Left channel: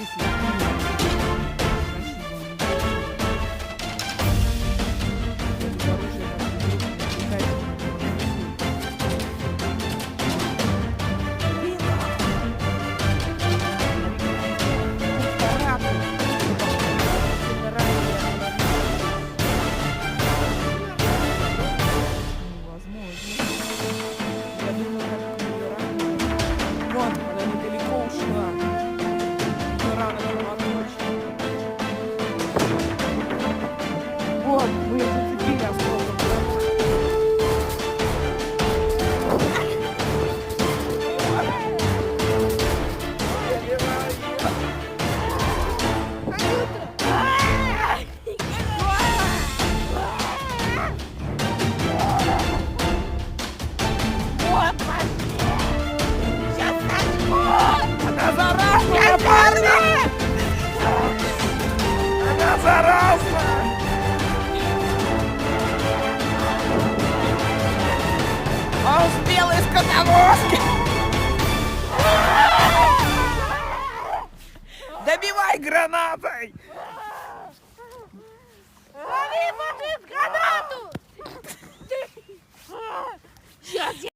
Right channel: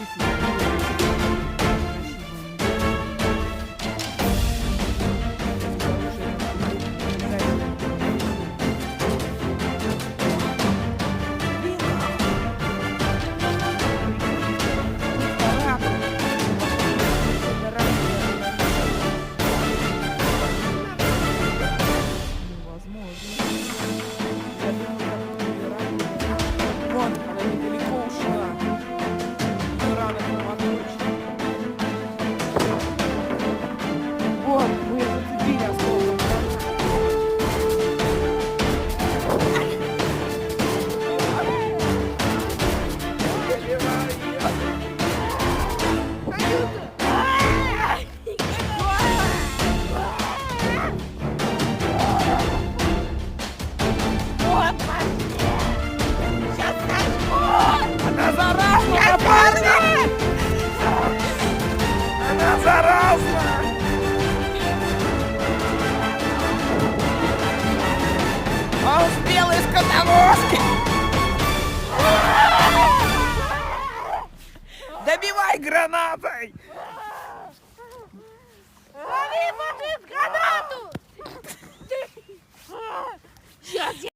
Я думаю, как ее ранили. Вон, она недалеко ушла. Ее рана кровоточит. Вот, мы ее зацепили осколком гранаты. Заливай ее. Анюта! Вот, пошли! Сейчас сожгут! Она заразна, парни! Она заразна! Он с белой скотовозки! Добивай гранатой! Лови, пошли с гранату! Сейчас я